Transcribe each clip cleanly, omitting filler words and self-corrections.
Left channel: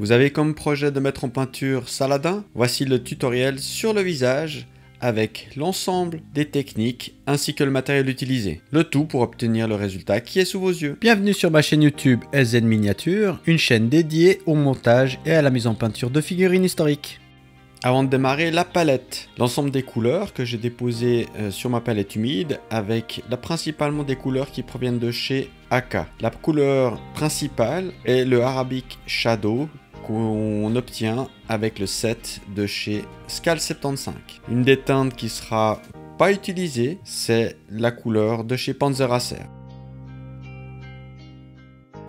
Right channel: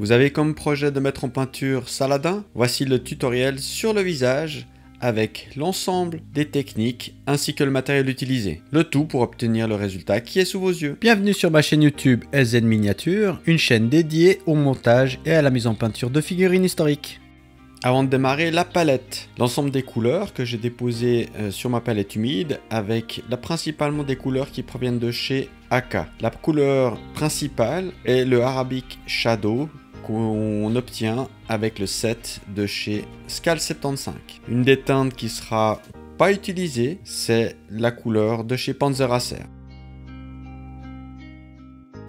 Vous avez comme projet de mettre en peinture Saladin? Voici le tutoriel sur le visage avec l'ensemble des techniques ainsi que le matériel utilisé. Le tout pour obtenir le résultat qui est sous vos yeux. Bienvenue sur ma chaîne YouTube SZ Miniature, une chaîne dédiée au montage et à la mise en peinture de figurines historiques. Avant de démarrer, la palette. L'ensemble des couleurs que j'ai déposées sur ma palette humide avec principalement des couleurs qui proviennent de chez AK. La couleur principale est le Arabic Shadow qu'on obtient avec le set de chez Scal 75. Une des teintes qui sera pas utilisée, c'est la couleur de chez Panzeracer.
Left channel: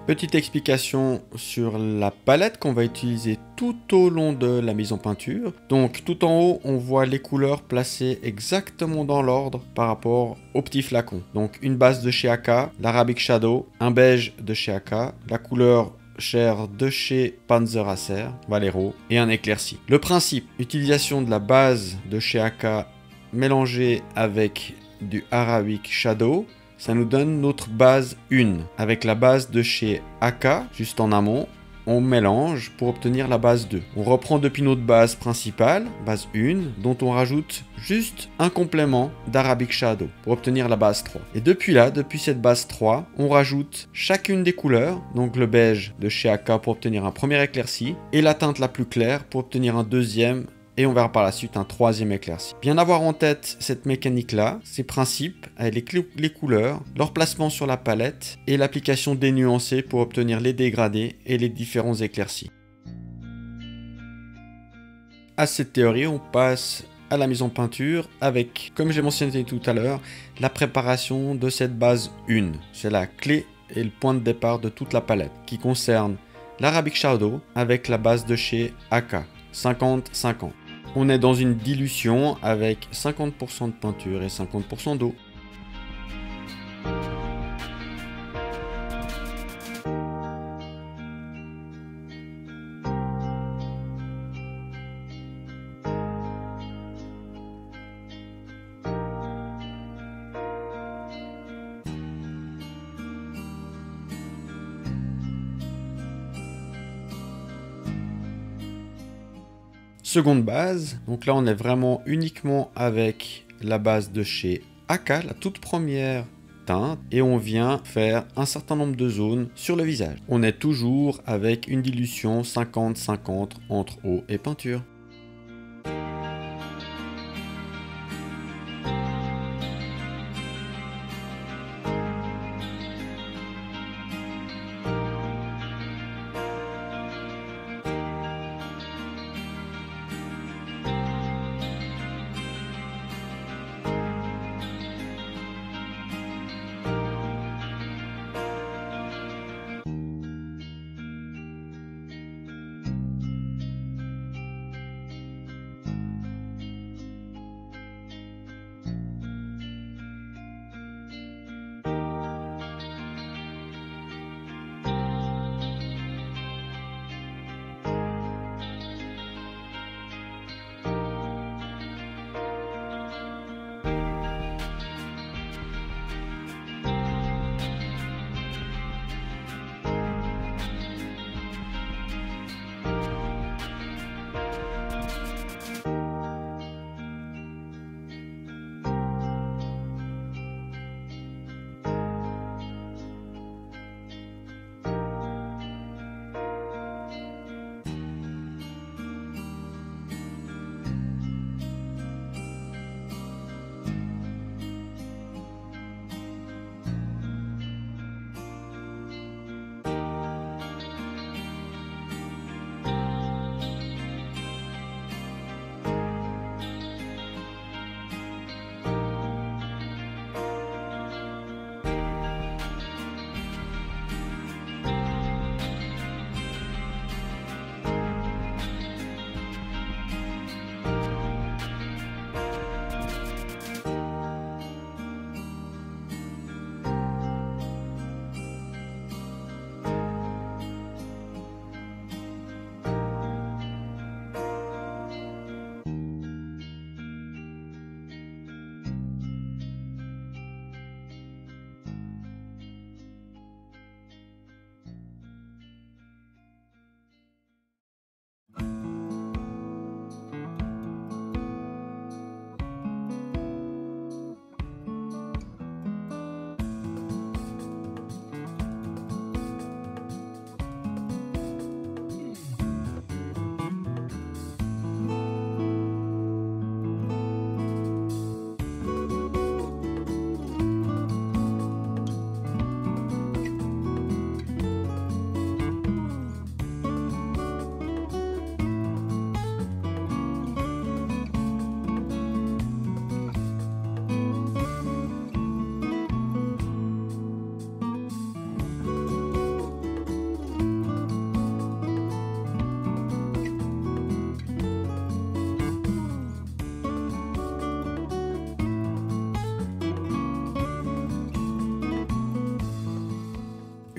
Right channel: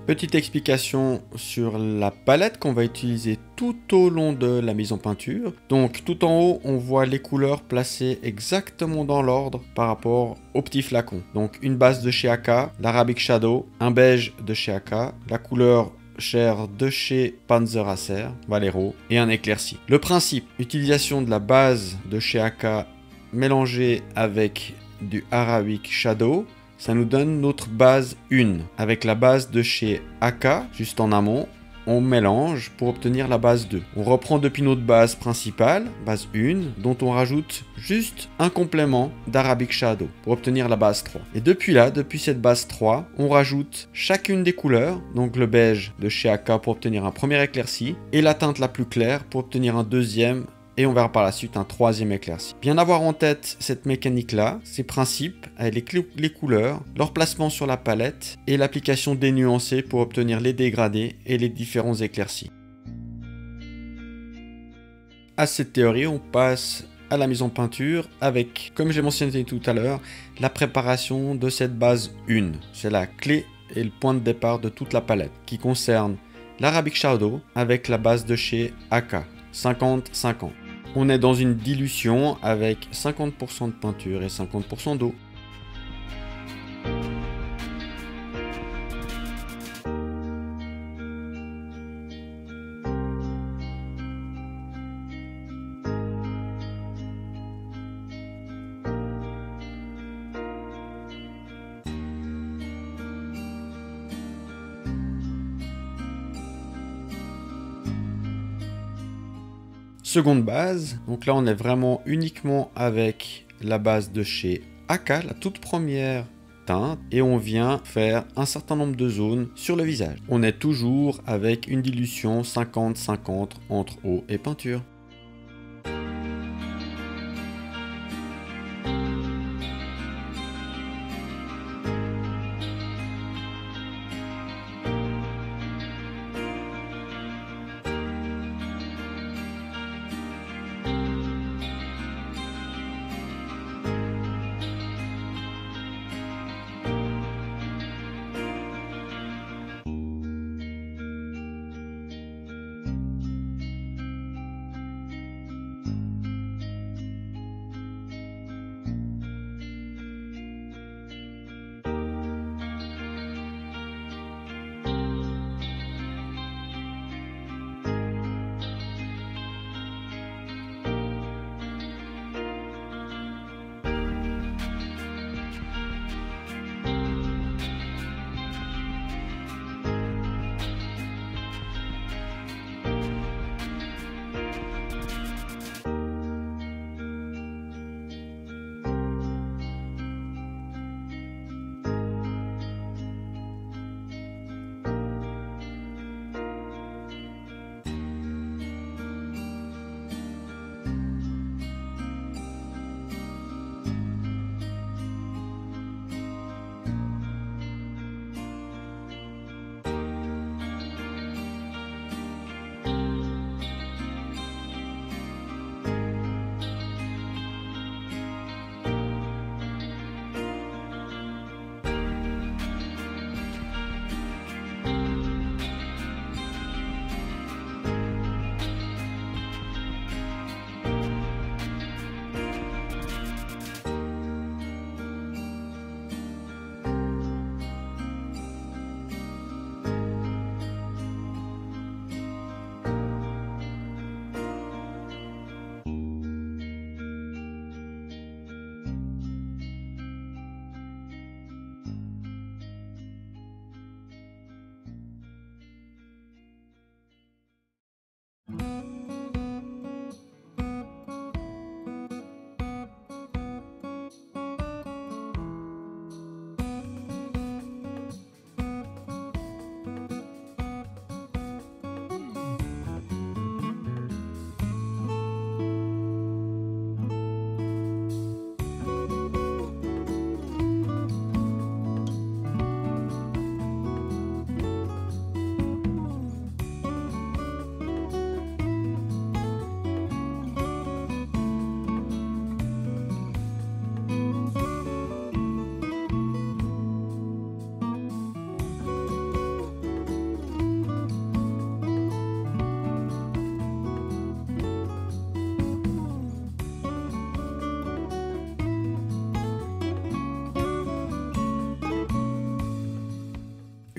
Petite explication sur la palette qu'on va utiliser tout au long de la mise en peinture. Donc tout en haut, on voit les couleurs placées exactement dans l'ordre par rapport au petit flacon. Donc une base de chez AK, l'Arabic Shadow, un beige de chez AK, la couleur chair de chez Panzeracer, Valero et un éclairci. Le principe, utilisation de la base de chez AK mélangée avec du Arabic Shadow. Ça nous donne notre base 1. Avec la base de chez AK, juste en amont, on mélange pour obtenir la base 2. On reprend depuis notre base principale, base 1, dont on rajoute juste un complément d'Arabic Shadow pour obtenir la base 3. Et depuis là, depuis cette base 3, on rajoute chacune des couleurs, donc le beige de chez AK pour obtenir un premier éclairci, et la teinte la plus claire pour obtenir un deuxième et on verra par la suite un troisième éclairci. Bien avoir en tête cette mécanique-là, ces principes, avec les couleurs, leur placement sur la palette et l'application dénuancée pour obtenir les dégradés et les différents éclaircis. À cette théorie, on passe à la mise en peinture avec, comme j'ai mentionné tout à l'heure, la préparation de cette base 1. C'est la clé et le point de départ de toute la palette qui concerne l'Arabic Shadow avec la base de chez AK, 50-50. On est dans une dilution avec 50% de peinture et 50% d'eau. Seconde base, donc là on est vraiment uniquement avec la base de chez AK, la toute première teinte, et on vient faire un certain nombre de zones sur le visage. On est toujours avec une dilution 50-50 entre eau et peinture.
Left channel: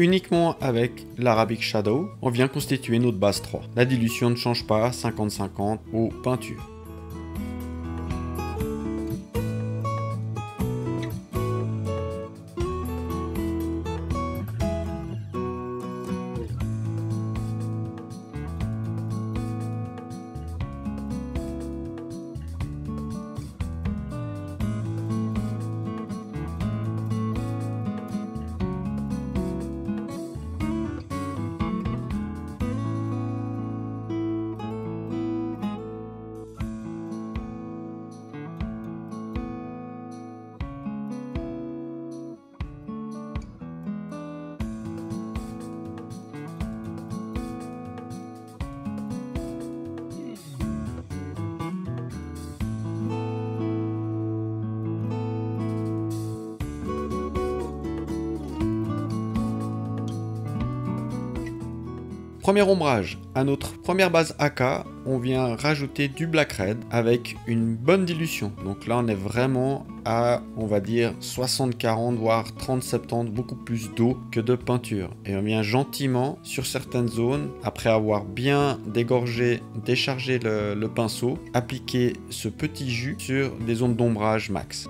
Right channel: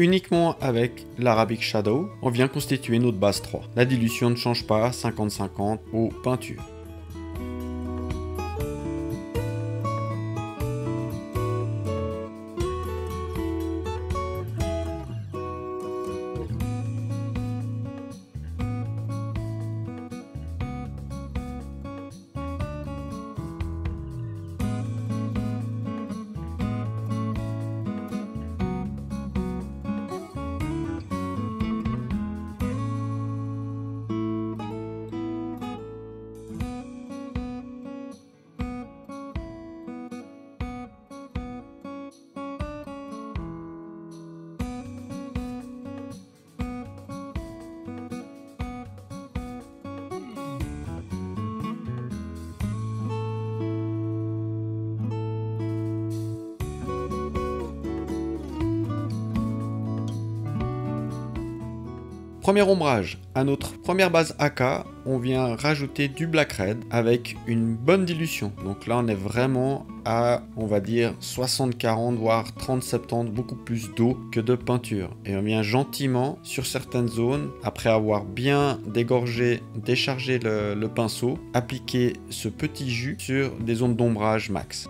Uniquement avec l'Arabic Shadow, on vient constituer notre base 3. La dilution ne change pas 50-50 aux peintures. Premier ombrage, à notre première base AK, on vient rajouter du Black Red avec une bonne dilution. Donc là, on est vraiment à, on va dire, 60-40, voire 30-70, beaucoup plus d'eau que de peinture. Et on vient gentiment, sur certaines zones, après avoir bien dégorgé, déchargé le pinceau, appliquer ce petit jus sur des zones d'ombrage max.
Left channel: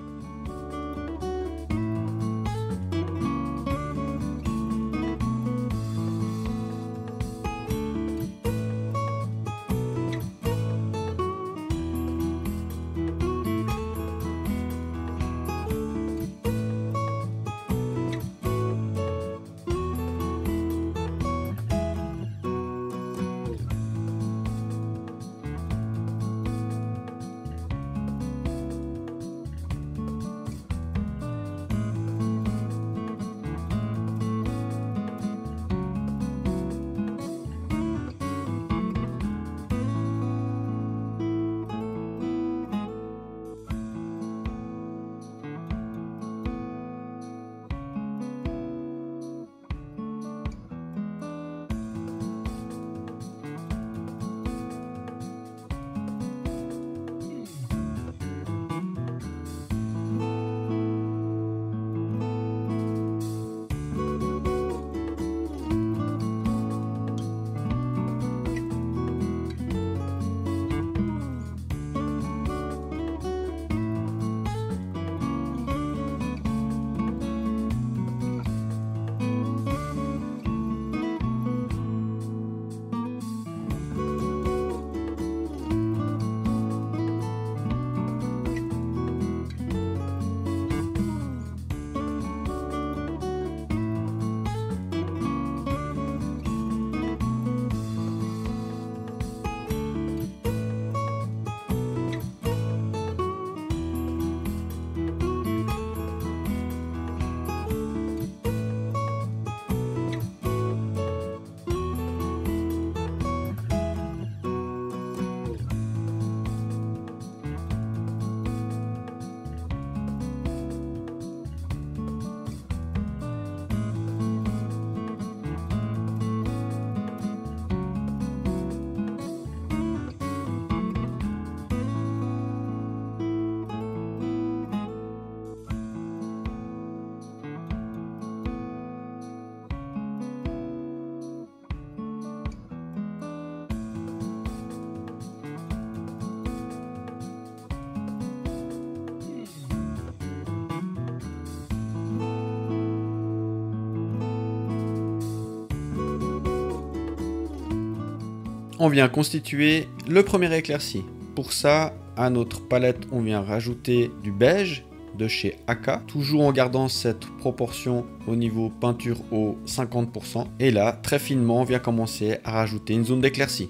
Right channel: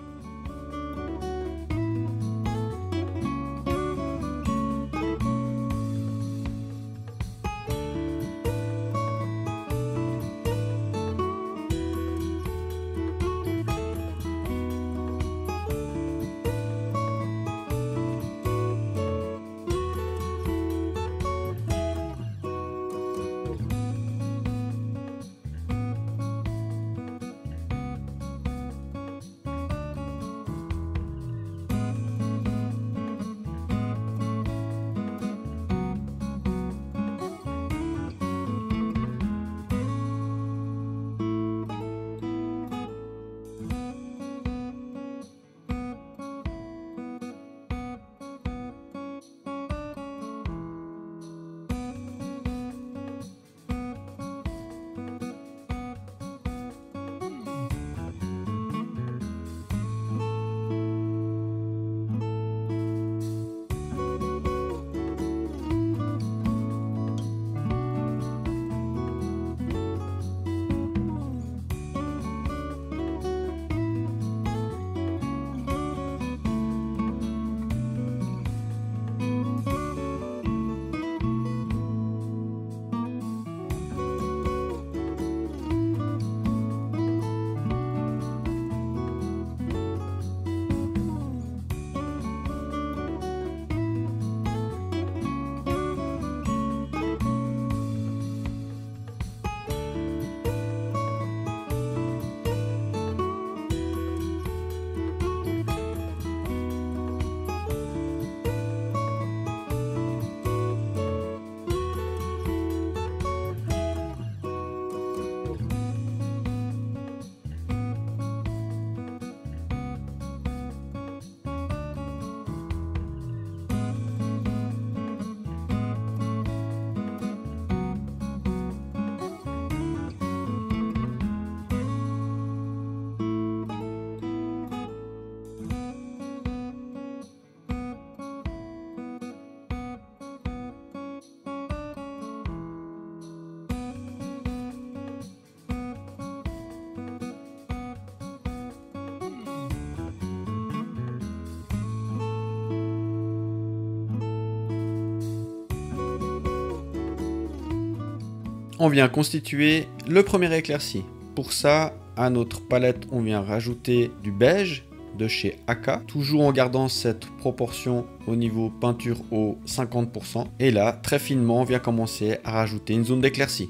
On vient constituer le premier éclairci. Pour ça, à notre palette, on vient rajouter du beige de chez AK, toujours en gardant cette proportion au niveau peinture au 50%. Et là, très finement, on vient commencer à rajouter une zone d'éclaircie.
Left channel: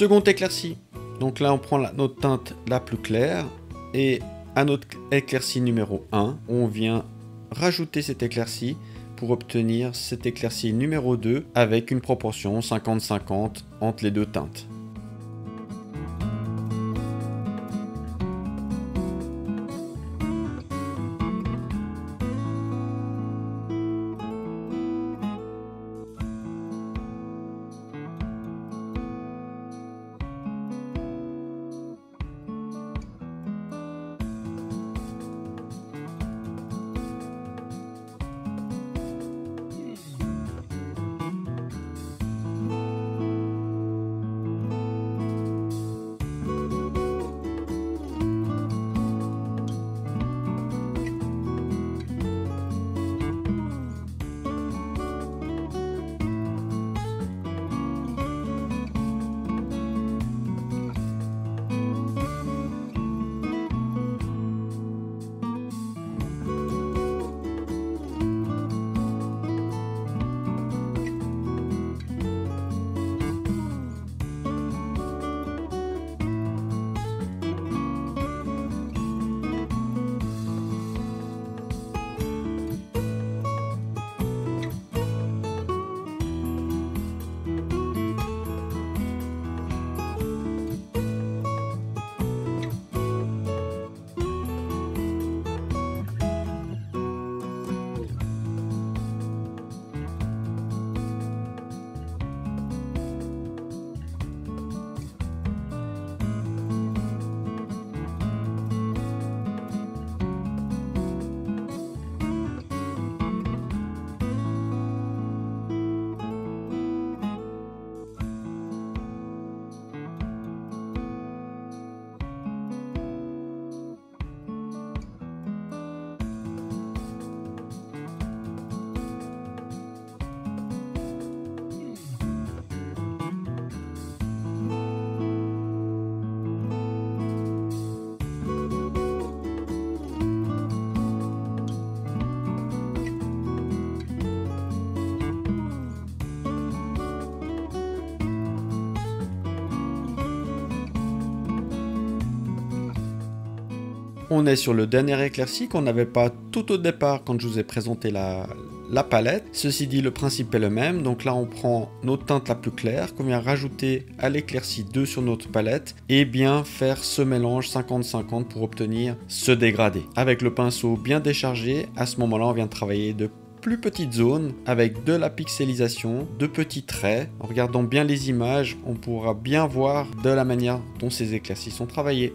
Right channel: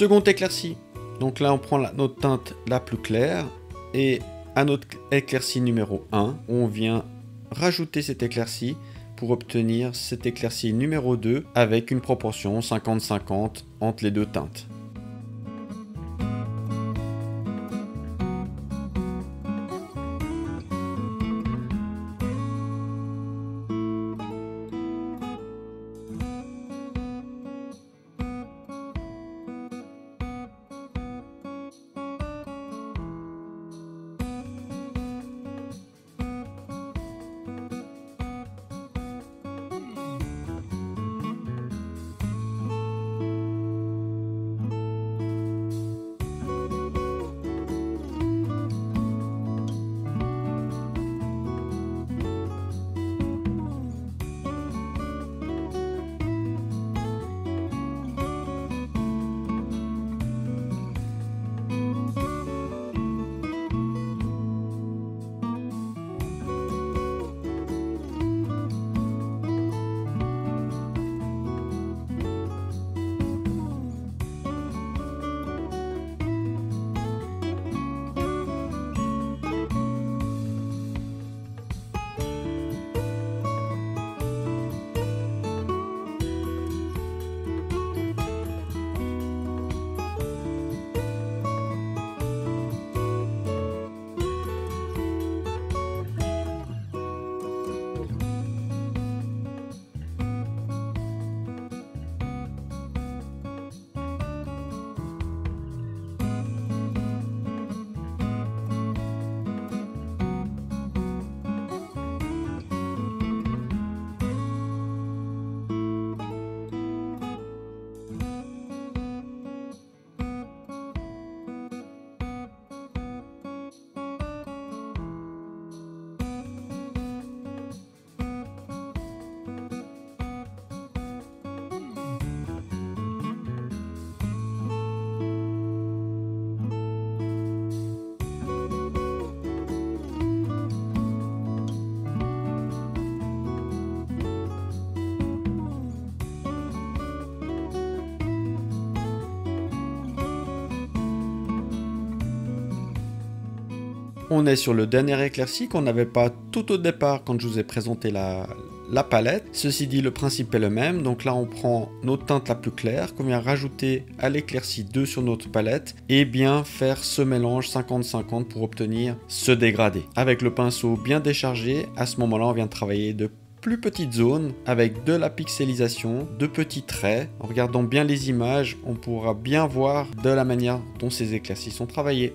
Seconde éclaircie. Donc là, on prend notre teinte la plus claire et à notre éclaircie numéro 1, on vient rajouter cette éclaircie pour obtenir cette éclaircie numéro 2 avec une proportion 50-50 entre les deux teintes. On est sur le dernier éclairci qu'on n'avait pas tout au départ quand je vous ai présenté la palette. Ceci dit, le principe est le même. Donc là, on prend notre teinte la plus claire qu'on vient rajouter à l'éclairci 2 sur notre palette et bien faire ce mélange 50-50 pour obtenir ce dégradé. Avec le pinceau bien déchargé, à ce moment-là, on vient travailler de plus petites zones avec de la pixelisation, de petits traits. En regardant bien les images, on pourra bien voir de la manière dont ces éclaircies sont travaillées.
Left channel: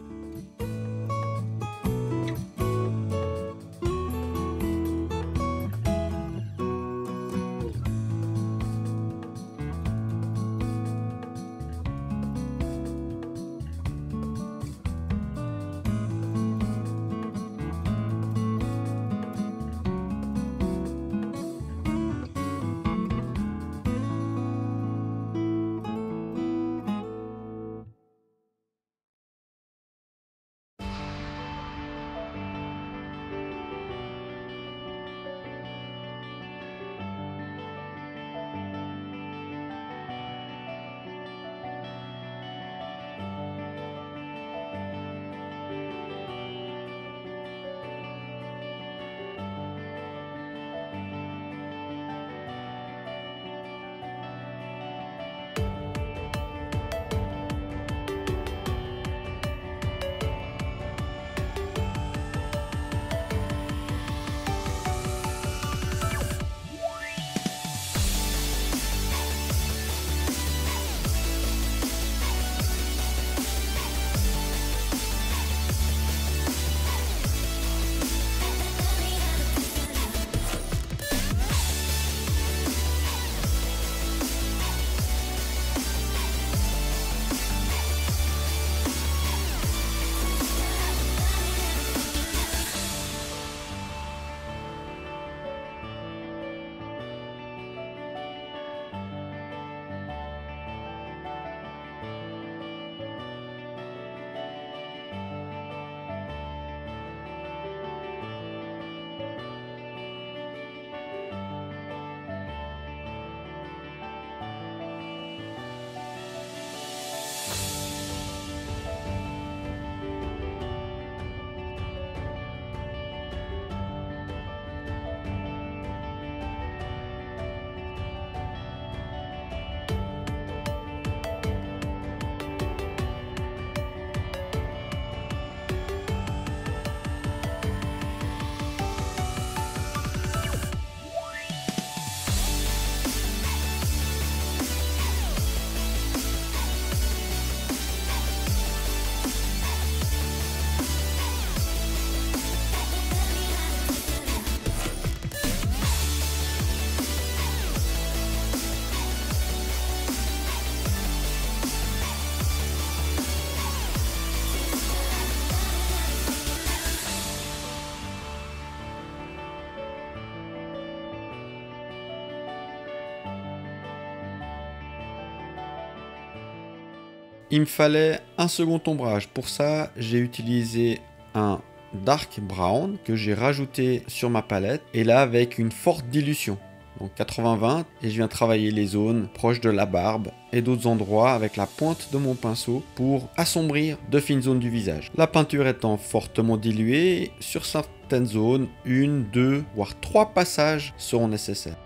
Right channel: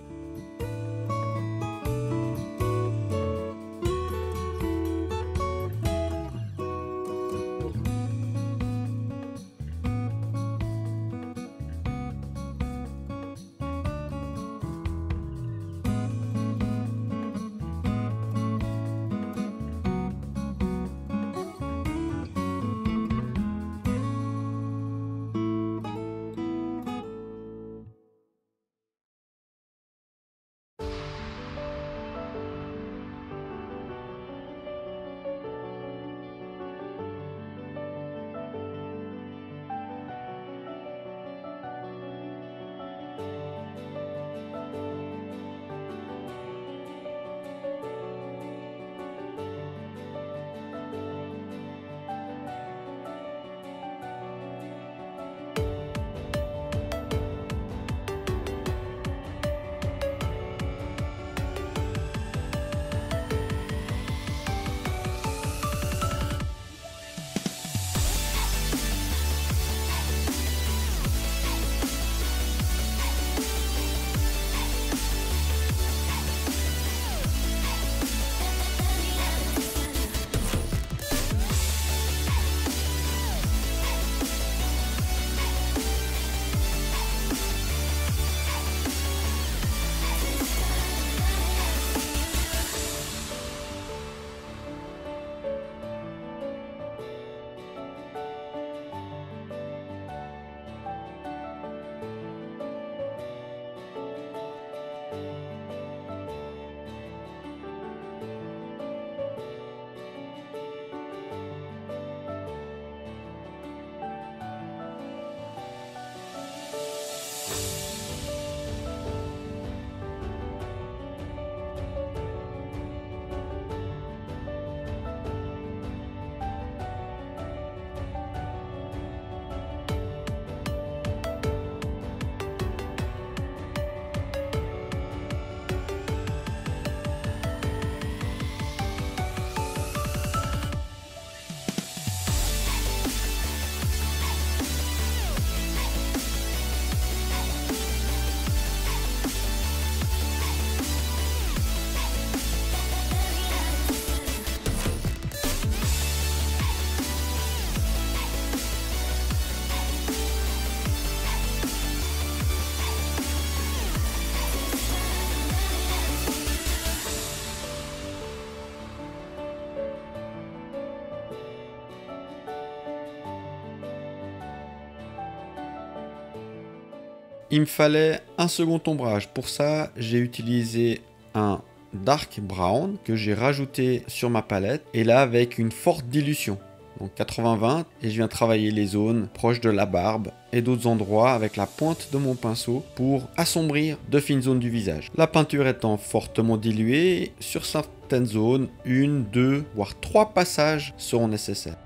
Il me fallait un second ombrage. Pour ça, j'ai utilisé un dark brown que j'ai rajouté sur ma palette et là avec une forte dilution. Donc 80-20 et je viens travailler les zones proches de la barbe et d'autres endroits avec la pointe de mon pinceau pour assombrir de fines zones du visage. La peinture étant fortement diluée, sur certaines zones, 1, 2, voire 3 passages seront nécessaires.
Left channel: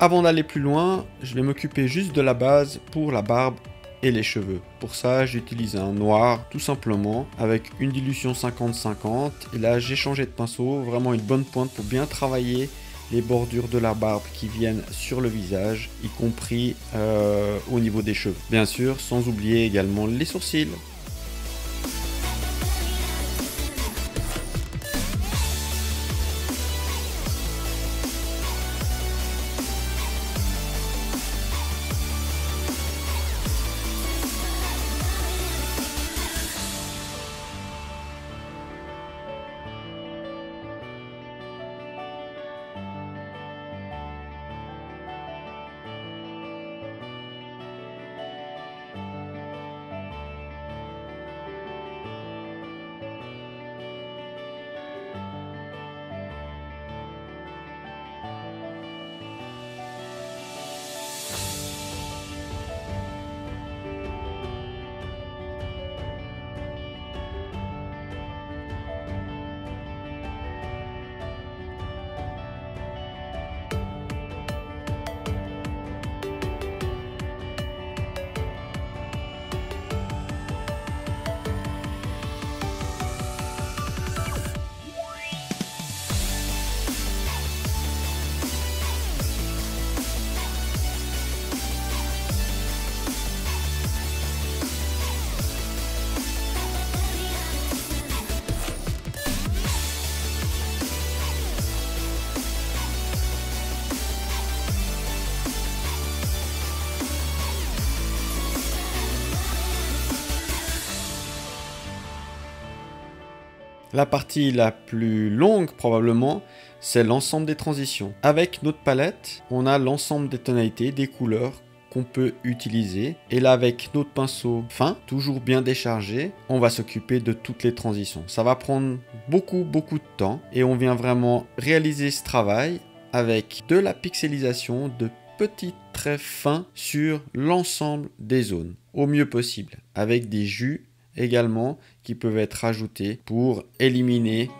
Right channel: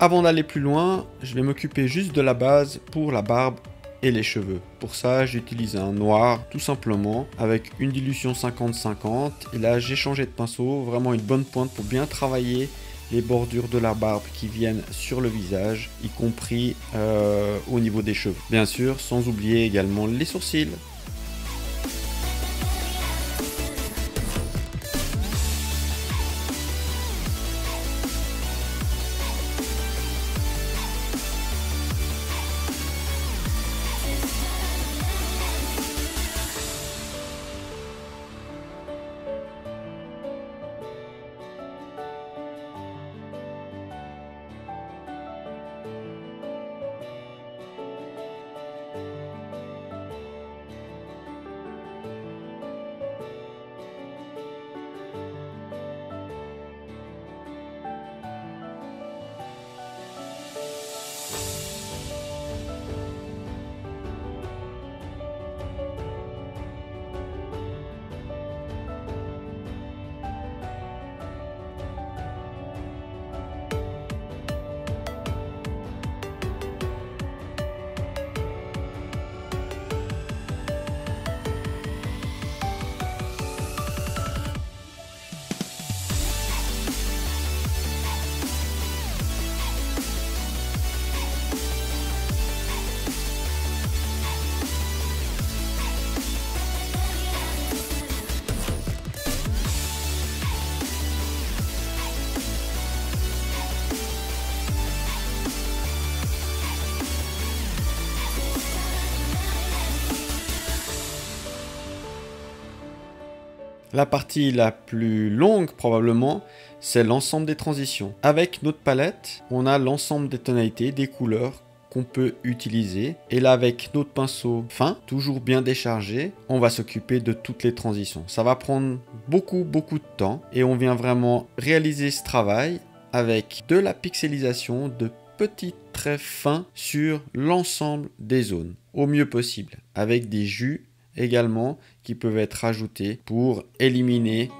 Avant d'aller plus loin, je vais m'occuper juste de la base pour la barbe et les cheveux. Pour ça, j'utilise un noir tout simplement avec une dilution 50-50 et là j'ai changé de pinceau, vraiment une bonne pointe pour bien travailler les bordures de la barbe qui viennent sur le visage, y compris au niveau des cheveux. Bien sûr, sans oublier également les sourcils. La partie la plus longue probablement, c'est l'ensemble des transitions. Avec notre palette, on a l'ensemble des tonalités, des couleurs qu'on peut utiliser. Et là, avec notre pinceau fin, toujours bien déchargé, on va s'occuper de toutes les transitions. Ça va prendre beaucoup de temps et on vient vraiment réaliser ce travail avec de la pixelisation, de petits traits fins sur l'ensemble des zones, au mieux possible, avec des jus également qui peuvent être ajoutés pour éliminer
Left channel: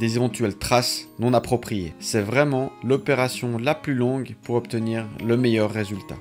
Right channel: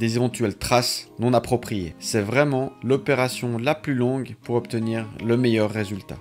des éventuelles traces non appropriées. C'est vraiment l'opération la plus longue pour obtenir le meilleur résultat.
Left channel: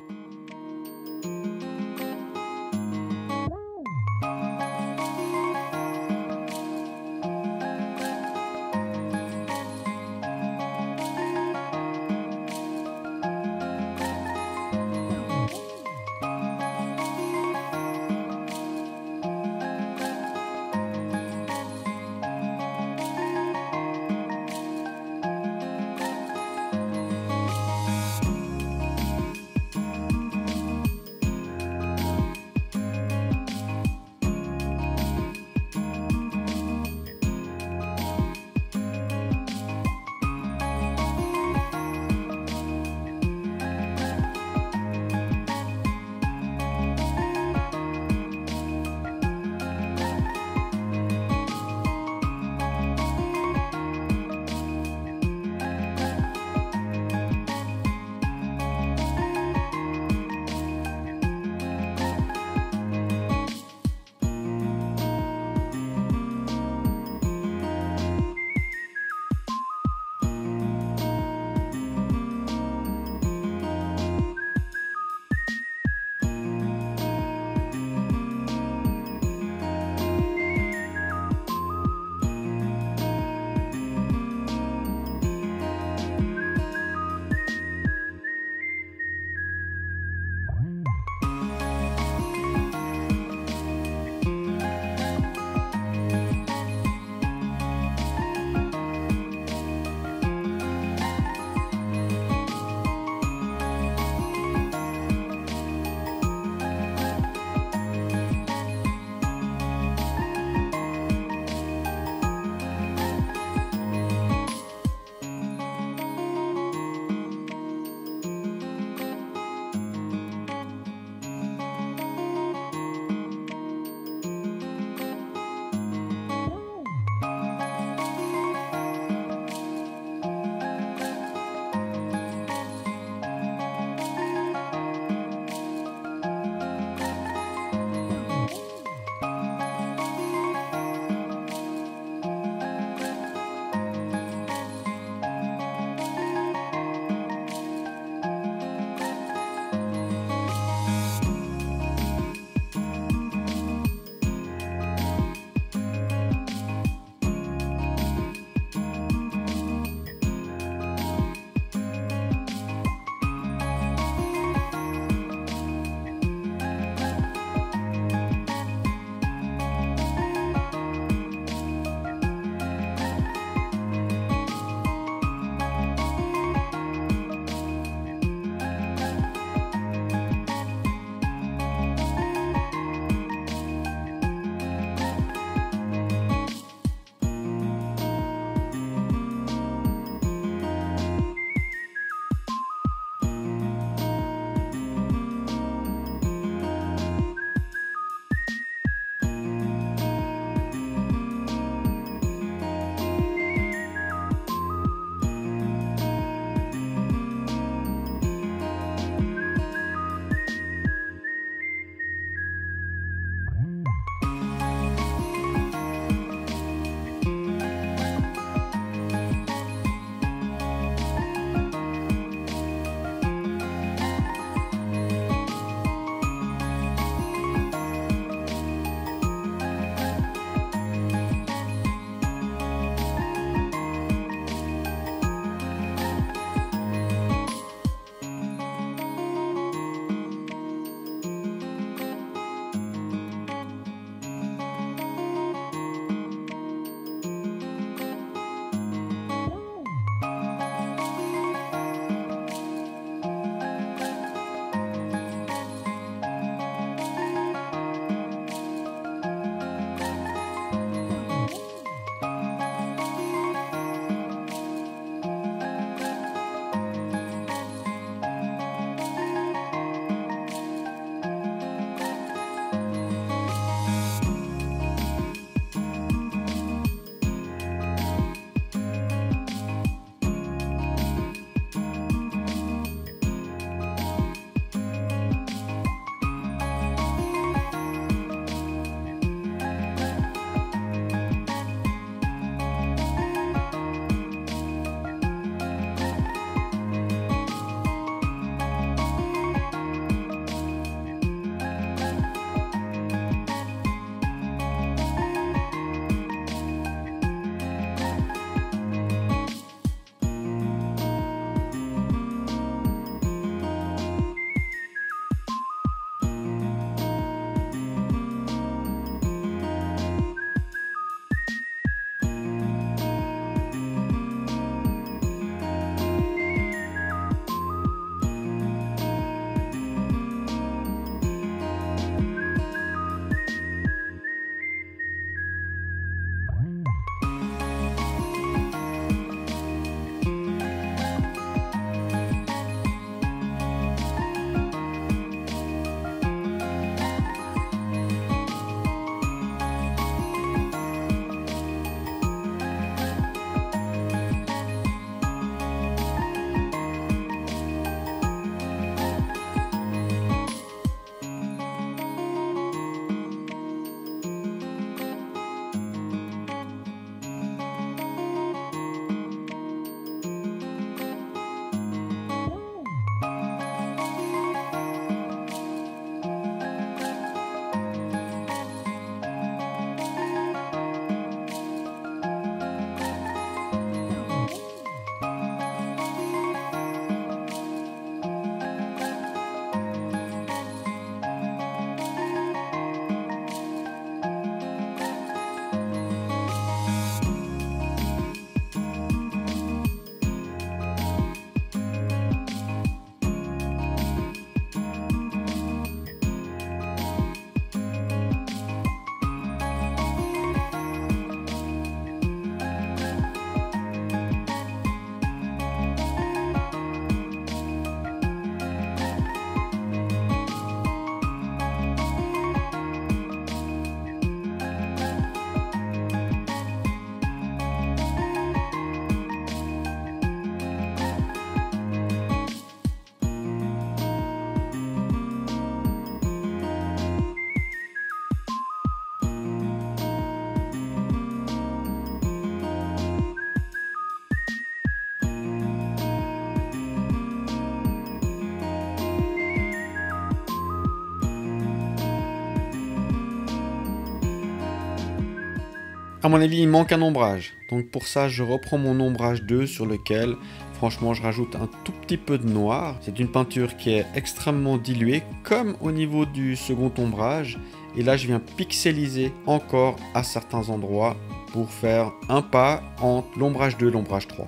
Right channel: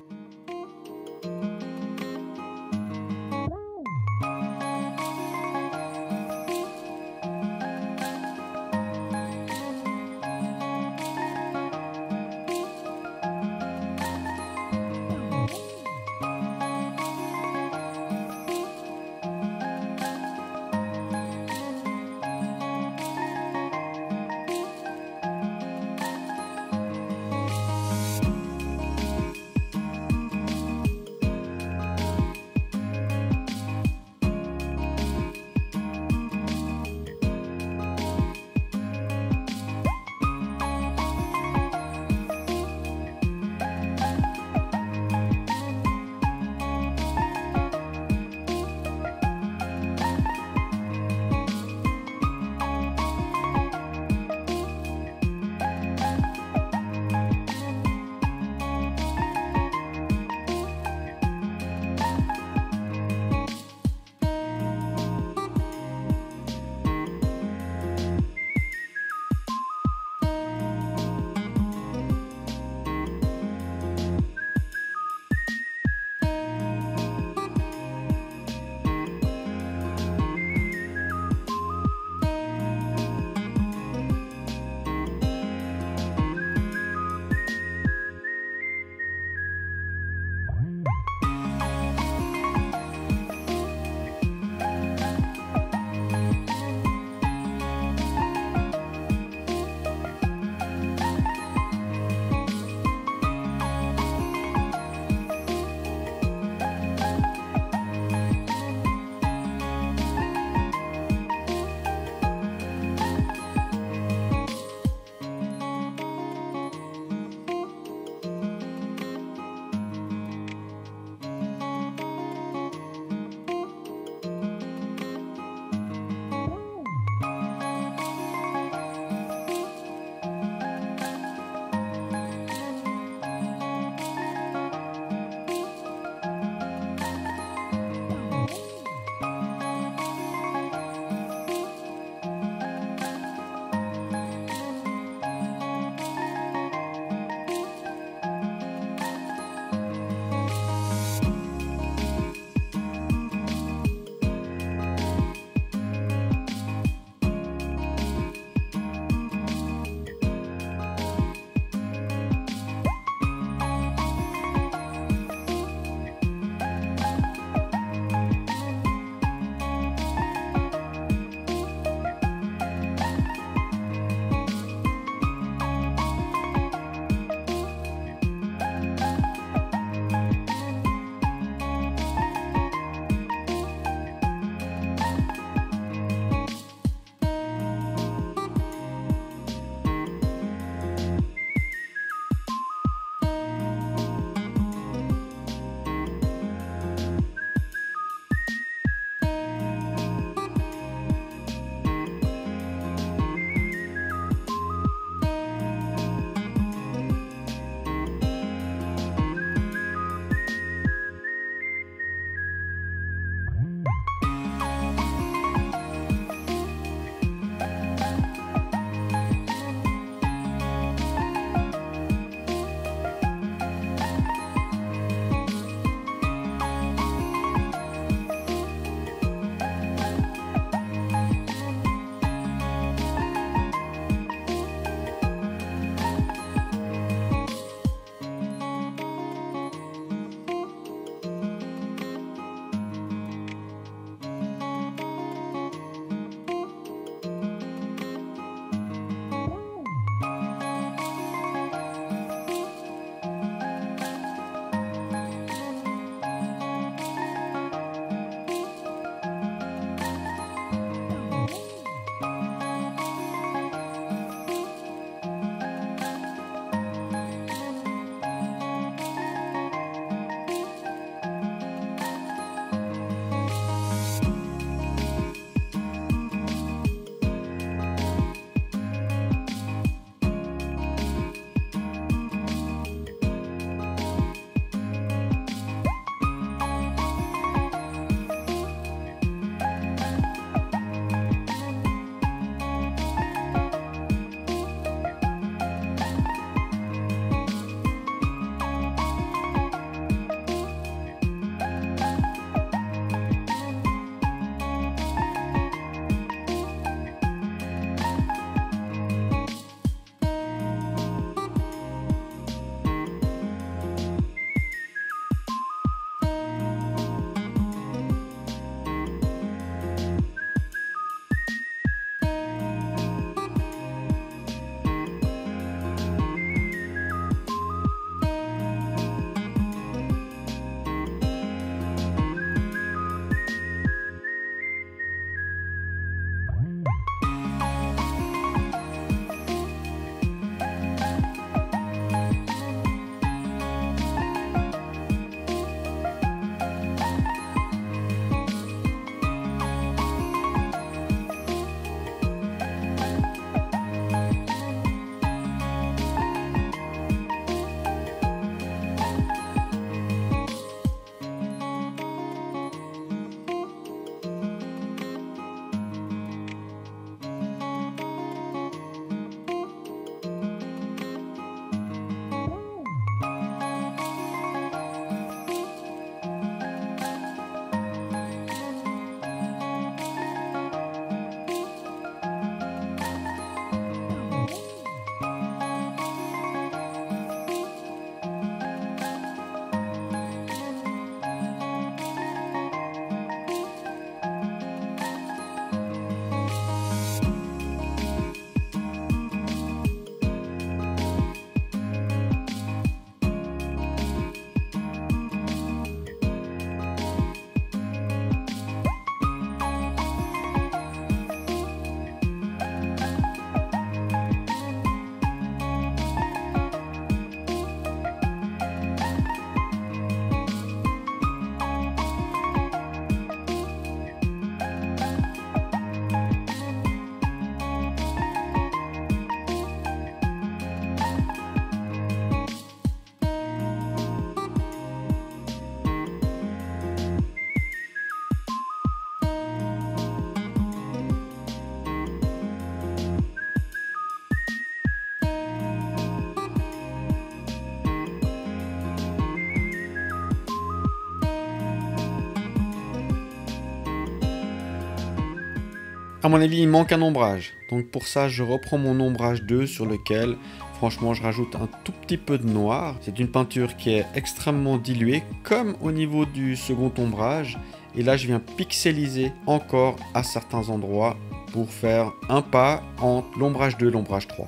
À mon avis, il manque un ombrage. Donc pour ça, je reprends mon ombrage 2 sur lequel, franchement, je rajoute un tout petit peu de noir. C'est une peinture qui est extrêmement diluée, comme au niveau du second ombrage. Et là, je viens pixeliser encore à certains endroits pour faire un pas entre l'ombrage 2 et l'ombrage 3.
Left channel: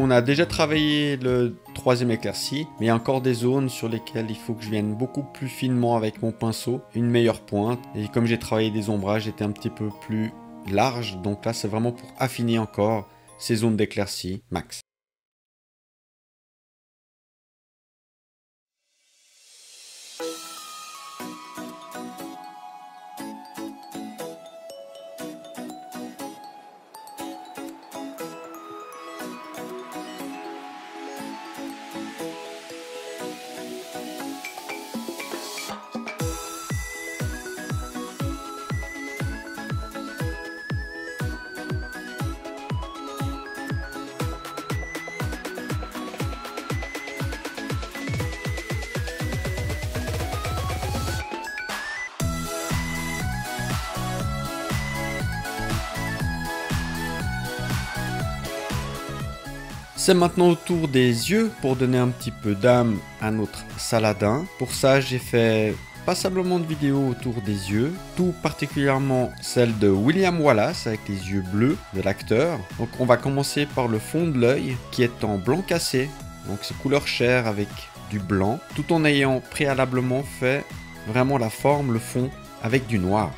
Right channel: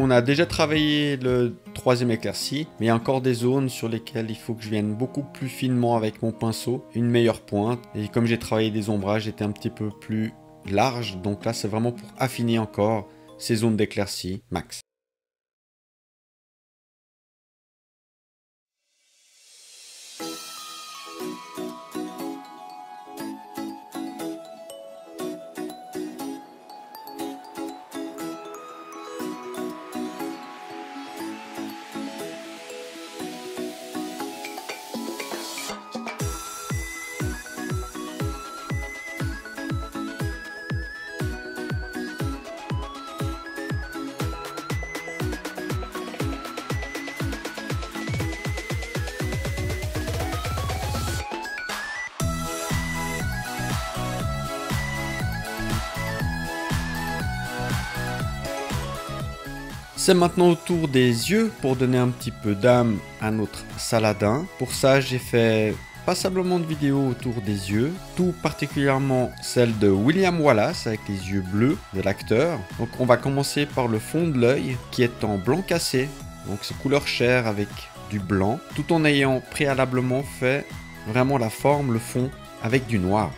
On a déjà travaillé le troisième éclairci, mais il y a encore des zones sur lesquelles il faut que je vienne beaucoup plus finement avec mon pinceau, une meilleure pointe. Et comme j'ai travaillé des ombrages, j'étais un petit peu plus large, donc là c'est vraiment pour affiner encore ces zones d'éclairci max. C'est maintenant au tour des yeux pour donner un petit peu d'âme à notre Saladin. Pour ça, j'ai fait passablement de vidéos autour des yeux, tout particulièrement celle de William Wallace avec les yeux bleus de l'acteur. Donc on va commencer par le fond de l'œil qui est en blanc cassé, donc c'est couleur chair avec du blanc, tout en ayant préalablement fait vraiment la forme, le fond avec du noir.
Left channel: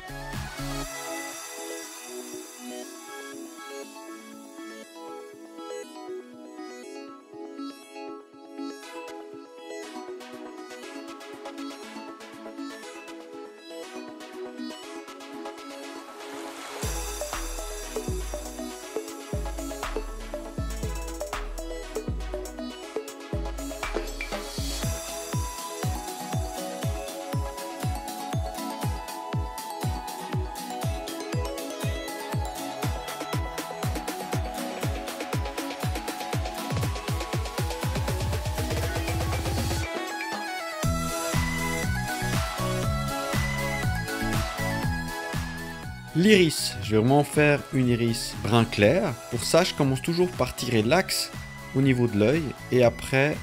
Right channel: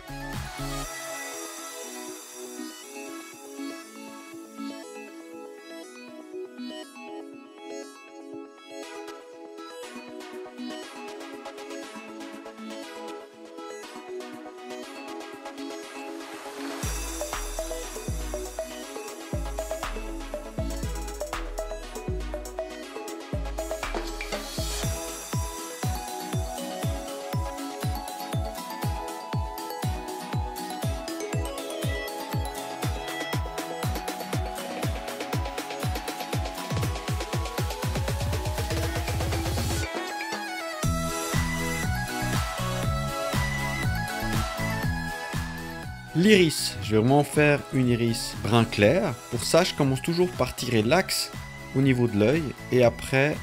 L'iris, je vais vraiment faire une iris brun clair. Pour ça, je commence toujours par tirer l'axe au niveau de l'œil et après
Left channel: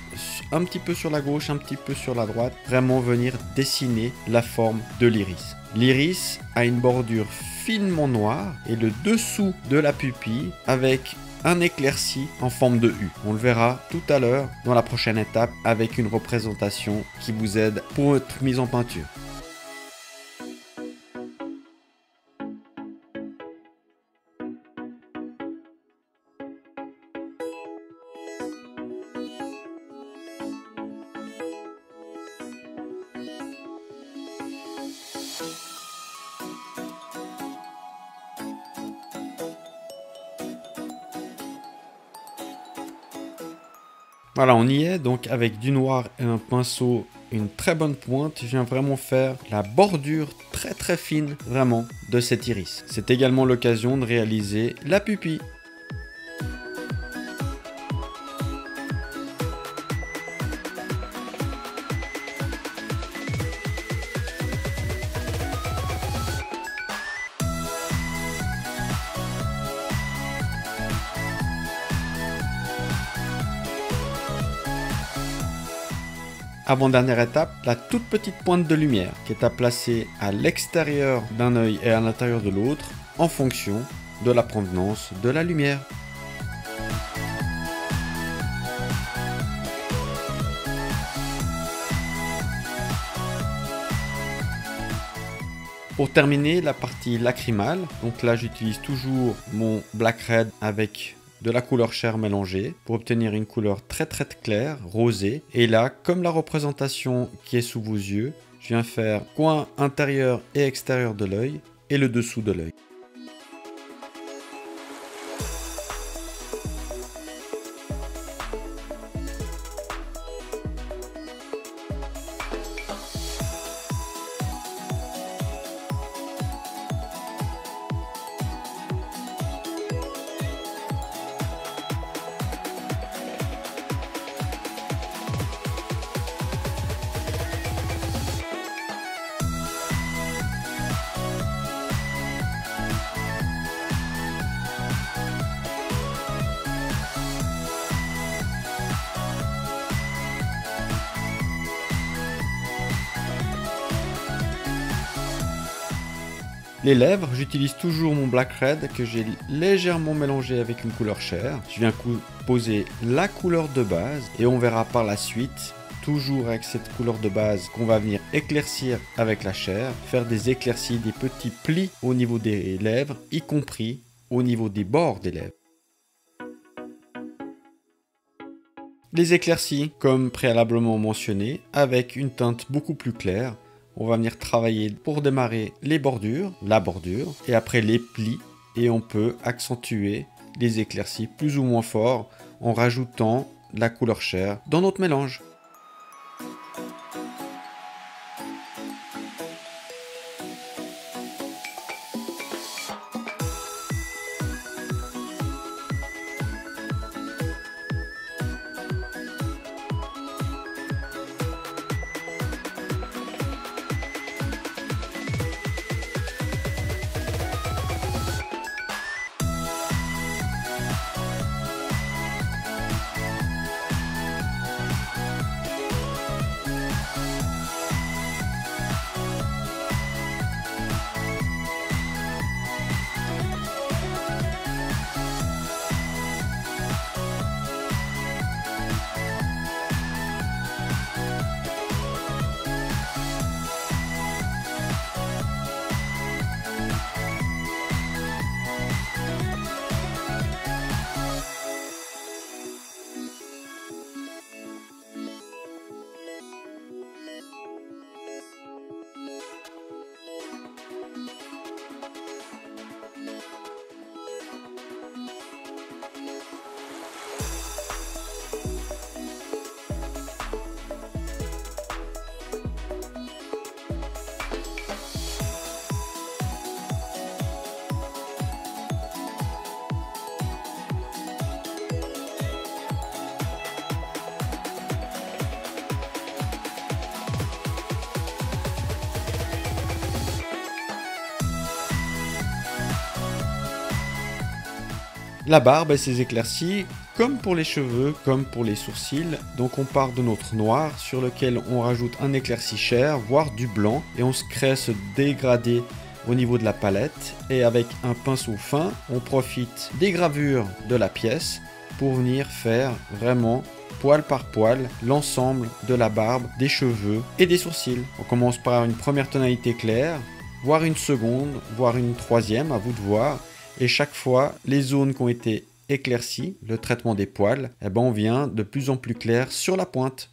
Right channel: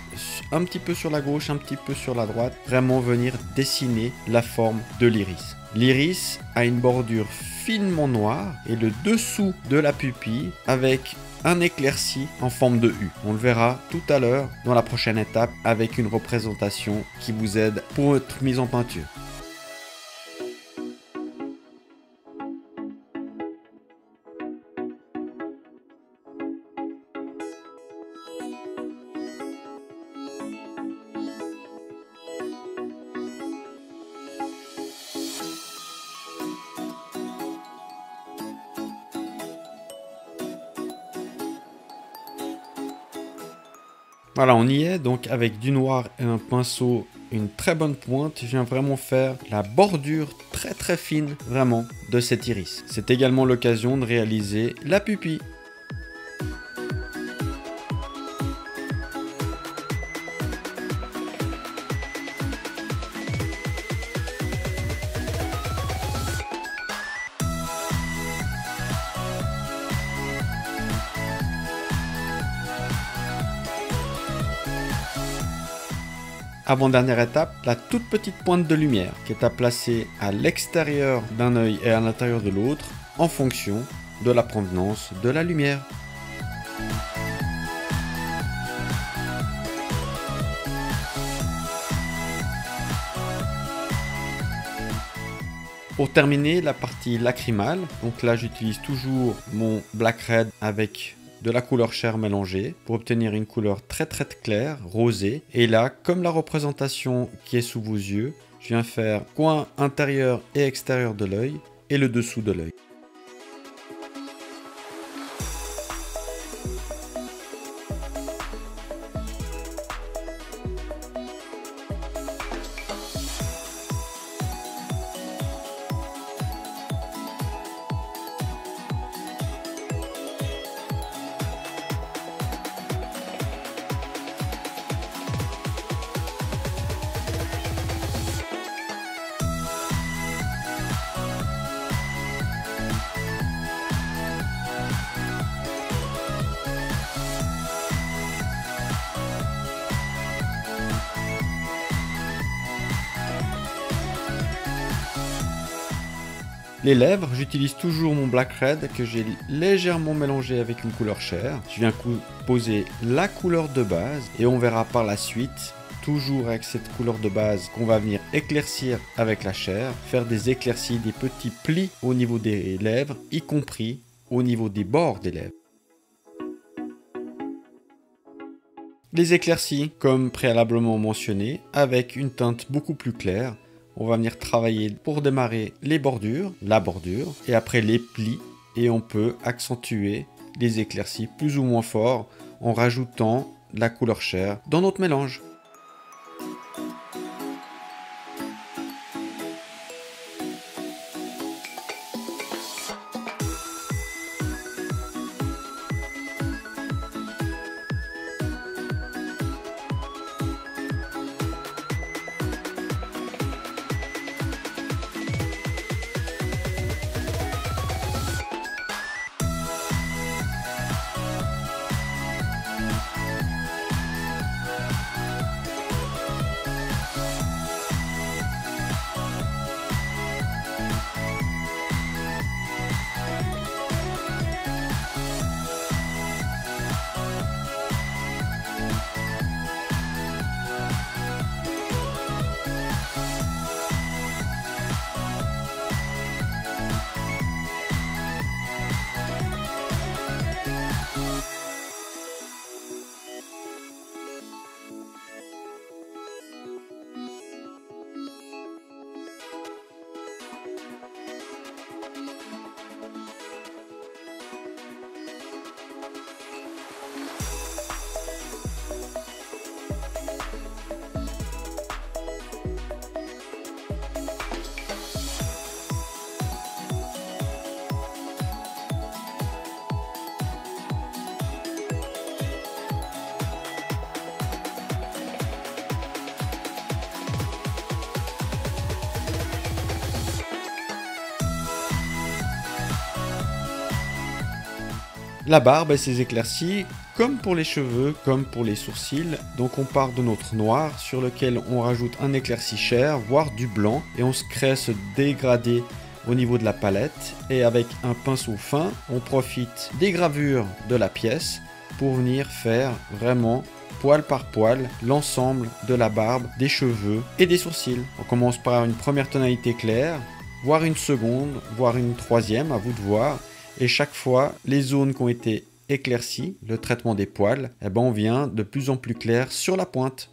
un petit peu sur la gauche, un petit peu sur la droite, vraiment venir dessiner la forme de l'iris. L'iris a une bordure finement noire et le dessous de la pupille avec un éclairci en forme de U. On le verra tout à l'heure dans la prochaine étape avec une représentation qui vous aide pour votre mise en peinture. Voilà, on y est, donc avec du noir et un pinceau, une très bonne pointe, je viens vraiment faire la bordure très fine, vraiment, de cet iris. C'est également l'occasion de réaliser la pupille. Avant-dernière étape, la toute petite pointe de lumière qui est à placer à l'extérieur d'un œil et à l'intérieur de l'autre en fonction de la provenance de la lumière. Pour terminer la partie lacrymale, donc là j'utilise toujours mon Black Red avec de la couleur chair mélangée pour obtenir une couleur très claire, rosée. Et là, comme la représentation qui est sous vos yeux, je viens faire coin intérieur et extérieur de l'œil et le dessous de l'œil. Les lèvres, j'utilise toujours mon Black Red que j'ai légèrement mélangé avec une couleur chair. Je viens poser la couleur de base et on verra par la suite, toujours avec cette couleur de base, qu'on va venir éclaircir avec la chair, faire des éclaircies, des petits plis au niveau des lèvres, y compris au niveau des bords des lèvres. Les éclaircies, comme préalablement mentionné, avec une teinte beaucoup plus claire. On va venir travailler pour démarrer les bordures, la bordure, et après les plis. Et on peut accentuer les éclaircies plus ou moins fort en rajoutant de la couleur chair dans notre mélange. La barbe et ses éclaircies, comme pour les cheveux, comme pour les sourcils. Donc on part de notre noir sur lequel on rajoute un éclairci chair, voire du blanc, et on se crée ce dégradé au niveau de la palette et avec un pinceau fin, on profite des gravures de la pièce pour venir faire vraiment poil par poil l'ensemble de la barbe, des cheveux et des sourcils. On commence par une première tonalité claire, voire une seconde, voire une troisième, à vous de voir. Et chaque fois, les zones qui ont été éclaircies, le traitement des poils, eh ben on vient de plus en plus clair sur la pointe.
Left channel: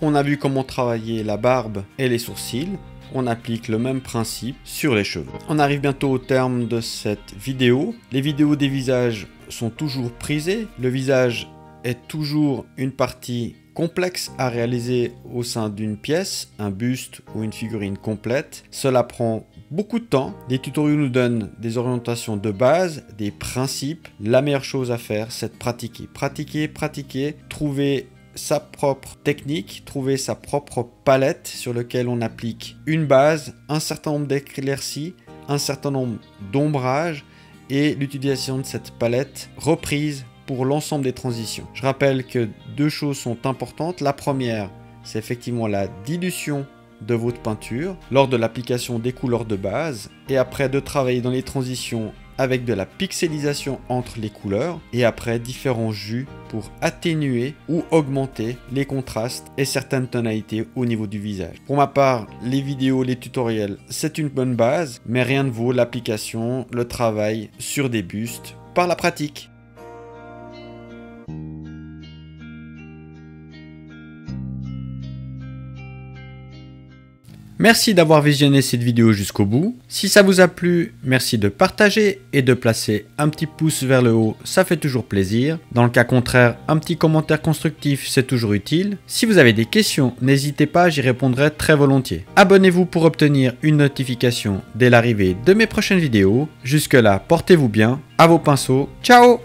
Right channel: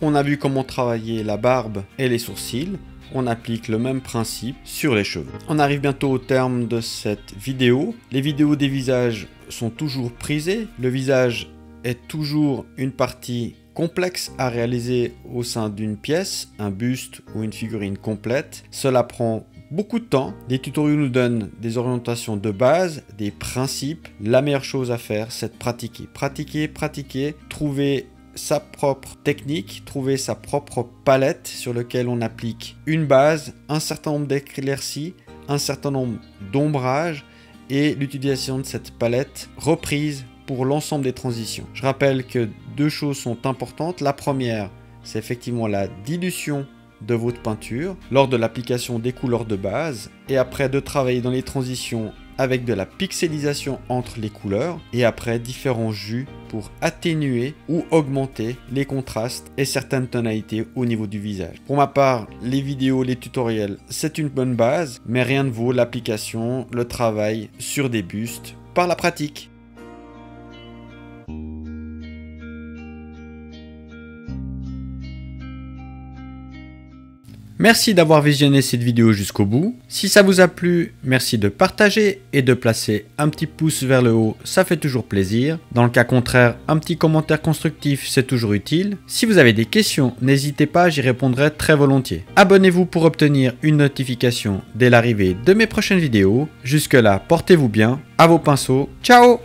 On a vu comment travailler la barbe et les sourcils. On applique le même principe sur les cheveux. On arrive bientôt au terme de cette vidéo. Les vidéos des visages sont toujours prisées. Le visage est toujours une partie complexe à réaliser au sein d'une pièce, un buste ou une figurine complète. Cela prend beaucoup de temps. Les tutoriels nous donnent des orientations de base, des principes. La meilleure chose à faire, c'est de pratiquer. Pratiquer, pratiquer, trouver sa propre technique, trouver sa propre palette sur laquelle on applique une base, un certain nombre d'éclaircies, un certain nombre d'ombrages et l'utilisation de cette palette reprise pour l'ensemble des transitions. Je rappelle que deux choses sont importantes. La première, c'est effectivement la dilution de votre peinture lors de l'application des couleurs de base et après de travailler dans les transitions avec de la pixelisation entre les couleurs et après différents jus pour atténuer ou augmenter les contrastes et certaines tonalités au niveau du visage. Pour ma part, les vidéos, les tutoriels, c'est une bonne base, mais rien ne vaut l'application, le travail sur des bustes par la pratique. Merci d'avoir visionné cette vidéo jusqu'au bout. Si ça vous a plu, merci de partager et de placer un petit pouce vers le haut, ça fait toujours plaisir. Dans le cas contraire, un petit commentaire constructif, c'est toujours utile. Si vous avez des questions, n'hésitez pas, j'y répondrai très volontiers. Abonnez-vous pour obtenir une notification dès l'arrivée de mes prochaines vidéos. Jusque là, portez-vous bien, à vos pinceaux, ciao!